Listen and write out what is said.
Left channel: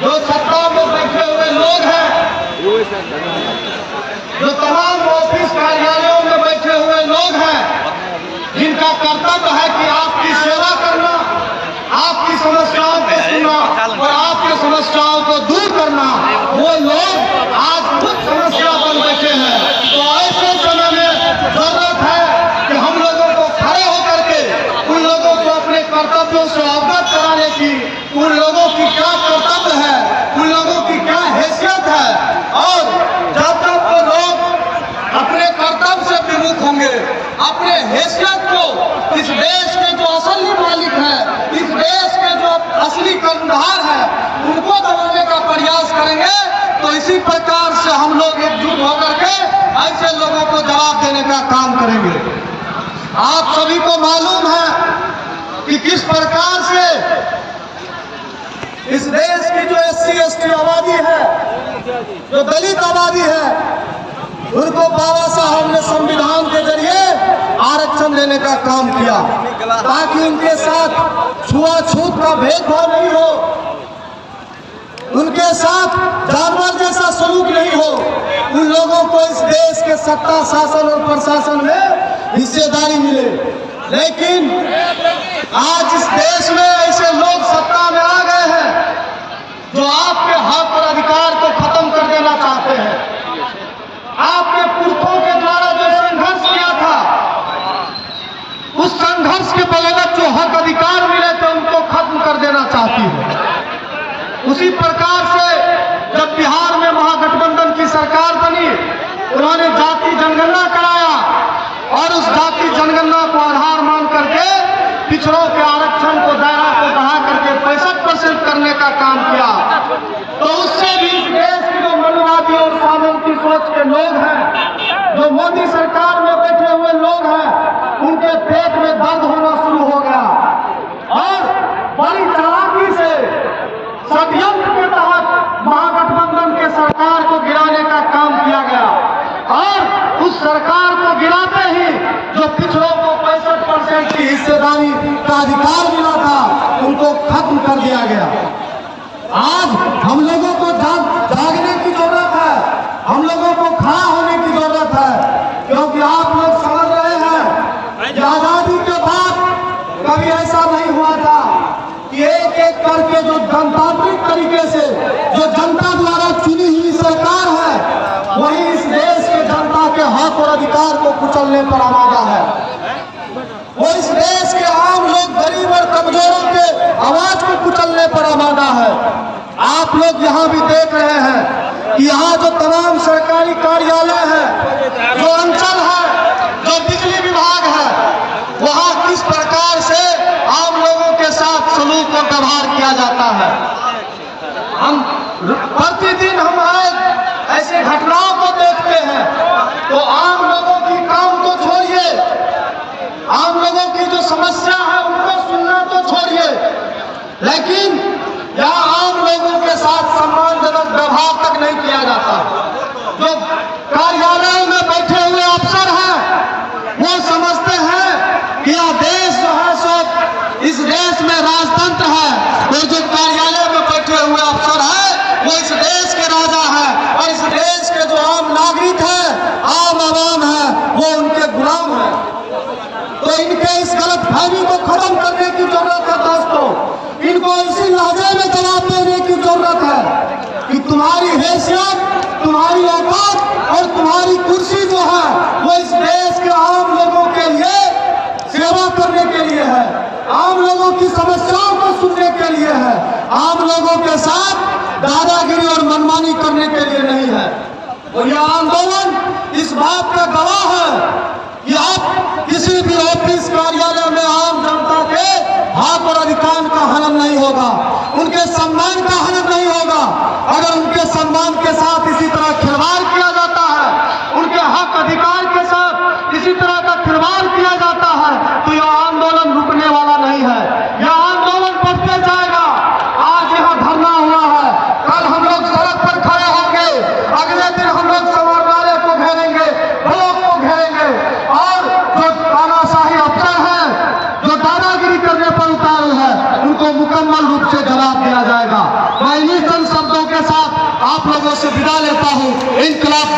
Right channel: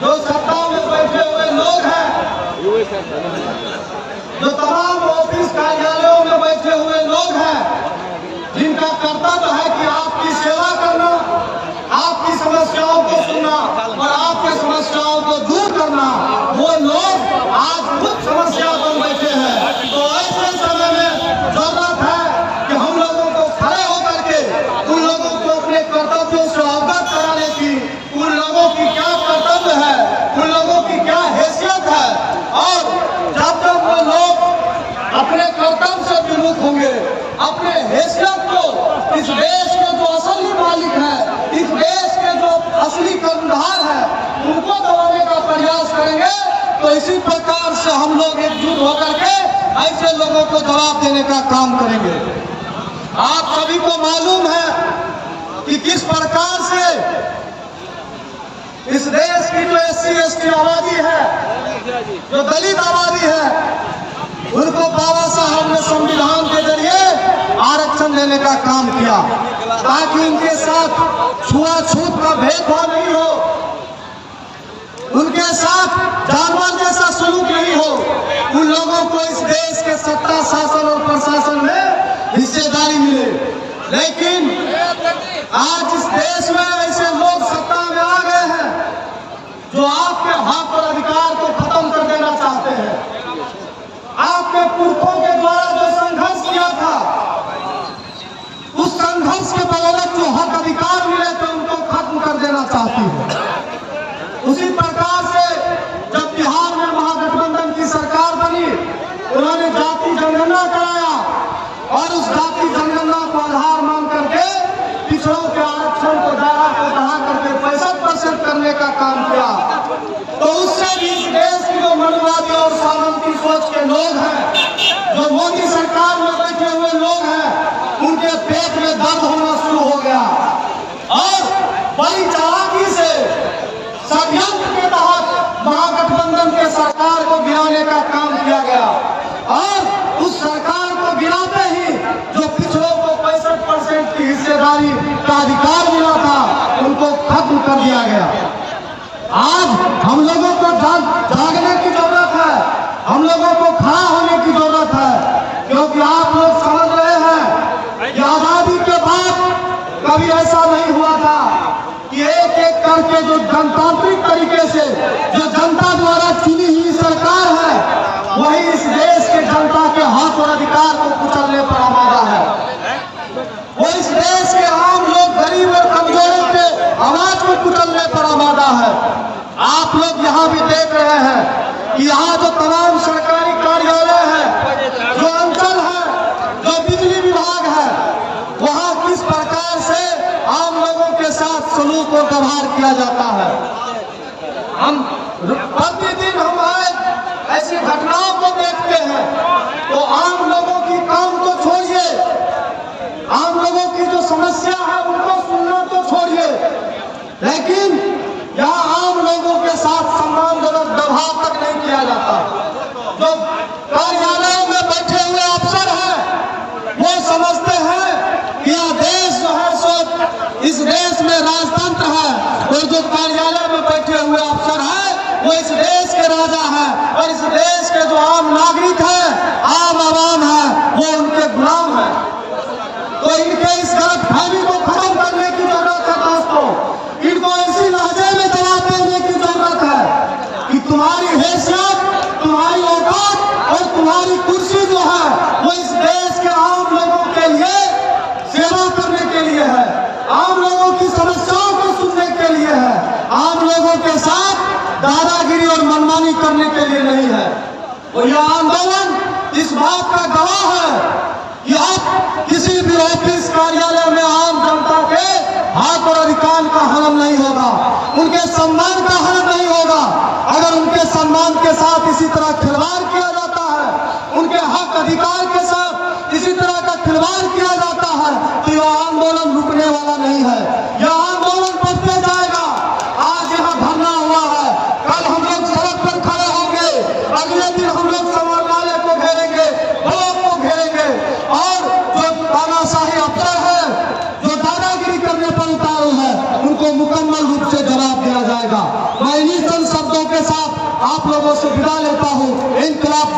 जो सत्ता में बैठे हुए लोग हैं, जो तमाम ऑफिस कार्यालयों में बैठे हुए लोग हैं, जिनका कर्तव्य है कि आपकी सेवा करना, आपकी समस्याओं को सुनना और आपकी समस्याओं को दूर करना, वो लोग आज खुद समस्या बन बैठे हैं। तो ऐसे समय में जरूरत है कि हम लोगों को खड़े होकर के उन लोगों को अपने कर्तव्यों से अवगत कराने की, उन लोगों की क्या कर्तव्य है, उन लोगों की क्या हैसियत है, और जब तक वो लोग अपने कर्तव्य से विमुख होंगे, अपने हैसियत को, इस देश के जो असली मालिक है, इस देश के जो असली कर्णधार है, उनको दबाने का प्रयास करेंगे, तो इसी प्रकार से हम लोग एकजुट होकर के ऐसे लोगों को जवाब देने का काम करेंगे। आप सभी को मालूम है कि किस प्रकार से इस देश की जो SC/ST आबादी है, जो दलित आबादी है, उनको बाबा साहब ने संविधान के जरिए आरक्षण देने का काम किया, ताकि उनके साथ छुआछूत का भेदभाव नहीं हो, उनके साथ जानवर जैसा सलूक नहीं हो, उन लोगों को इस देश के सत्ता, शासन और प्रशासन में हिस्सेदारी मिले। लेकिन आज इस देश में ऐसे लोग सत्ता में आ गए हैं जो आपके हक और अधिकार को खत्म कर देना चाहते हैं। आपके पुरखों के द्वारा जो संघर्ष किया था, उस संघर्ष के बदौलत जो हक अधिकार मिले थे, उनको खत्म कर देना चाहती है। उसी प्रकार से जब बिहार में महागठबंधन की सरकार बनी, उन्होंने जाति जनगणना कराया और उस जाति जनगणना को आधार मान करके पिछड़ों के आरक्षण को, दायरा को बढ़ा करके 65% करने का काम किया। तो उससे भी इस देश की जो मनवादी और सामंती सोच के लोग हैं, जो मोदी सरकार में बैठे हुए लोग हैं, उनके पेट में दर्द होना शुरू हो गया और बड़ी चालाकी से षड्यंत्र के तहत महागठबंधन के सरकार को गिराने का काम किया गया और उस सरकार को गिराते ही जो पिछड़ों को 65% की हिस्सेदारी का अधिकार मिला था, उनको खत्म कर दिया गया। आज हम लोगों को जागने की जरूरत है, हम लोगों को खड़ा होने की जरूरत है, क्योंकि आप लोग समझ रहे हैं कि आजादी के बाद कभी ऐसा नहीं हुआ था कि एक एक करके जो गणतांत्रिक तरीके से जो जनता द्वारा चुनी हुई सरकार है, वही इस देश के जनता के हक और अधिकार को कुचलने पर आमादा है। वो इस देश के आम लोग, गरीब और कमजोरों के आवाज को कुचलने पर आमादा है। आप लोग यहाँ भी देख रहे हैं कि यहाँ जो तमाम सरकारी कार्यालय है, जो अंचल है, जो बिजली विभाग है, वहाँ किस प्रकार से आम लोगों के साथ सलूक और व्यवहार किया जाता है। हम प्रतिदिन हमारे ऐसी घटनाओं को देखते हैं, तो आम लोगों की काम तो छोड़िए, आम लोगों की जो समस्या है उनको सुनना तो छोड़िए, लेकिन यहाँ आम लोगों के साथ सम्मानजनक व्यवहार तक नहीं किया जाता। जो कार्यालयों में बैठे हुए अफसर हैं, वो समझते हैं कि यह देश जो है सो इस देश में राजतंत्र है, और जो कार्यालय में बैठे हुए अफसर हैं, वो इस देश के राजा हैं, और इस देश के जो आम नागरिक हैं, आम आवाम हैं, वो उनके गुलाम हैं। तो इनके इस गलतफहमी को खत्म करने की जरूरत है दोस्तों। इनको इसी लहजे में जवाब देने की जरूरत है कि तुम्हारी हैसियत, तुम्हारी औकात और तुम्हारी कुर्सी जो है, वो इस देश के आम लोगों के लिए सेवा करने के लिए है, आम लोगों की समस्याओं को सुनने के लिए है, आम लोगों के साथ दादागिरी और मनमानी करने के लिए नहीं है। और यह आंदोलन इस बात का गवाह है कि अब किसी भी ऑफिस कार्यालय में आम जनता के हक और अधिकार का हनन नहीं होगा, उनके सम्मान का हनन नहीं होगा। अगर उनके सम्मान के साथ इसी तरह खिलवाड़ किया जाता है, उनके हक अधिकार के साथ इसी तरह का खिलवाड़ किया जाता है, तो यह आंदोलन रुकने वाला नहीं है, यह आंदोलन बढ़ते जाएगा। आज यहाँ धरना हुआ है, कल हम लोग सड़क पर खड़े होंगे, अगले दिन हम लोग समाहरणालय को घेरेंगे, ब्लॉक को घेरेंगे, और जो तानाशाही अफसर हैं, जो दादागिरी करने पर उतारू है, उनको मुकम्मल रूप से जवाब दिया जाएगा। मैं आप लोगों से विदा लेता हूँ। इनकलाब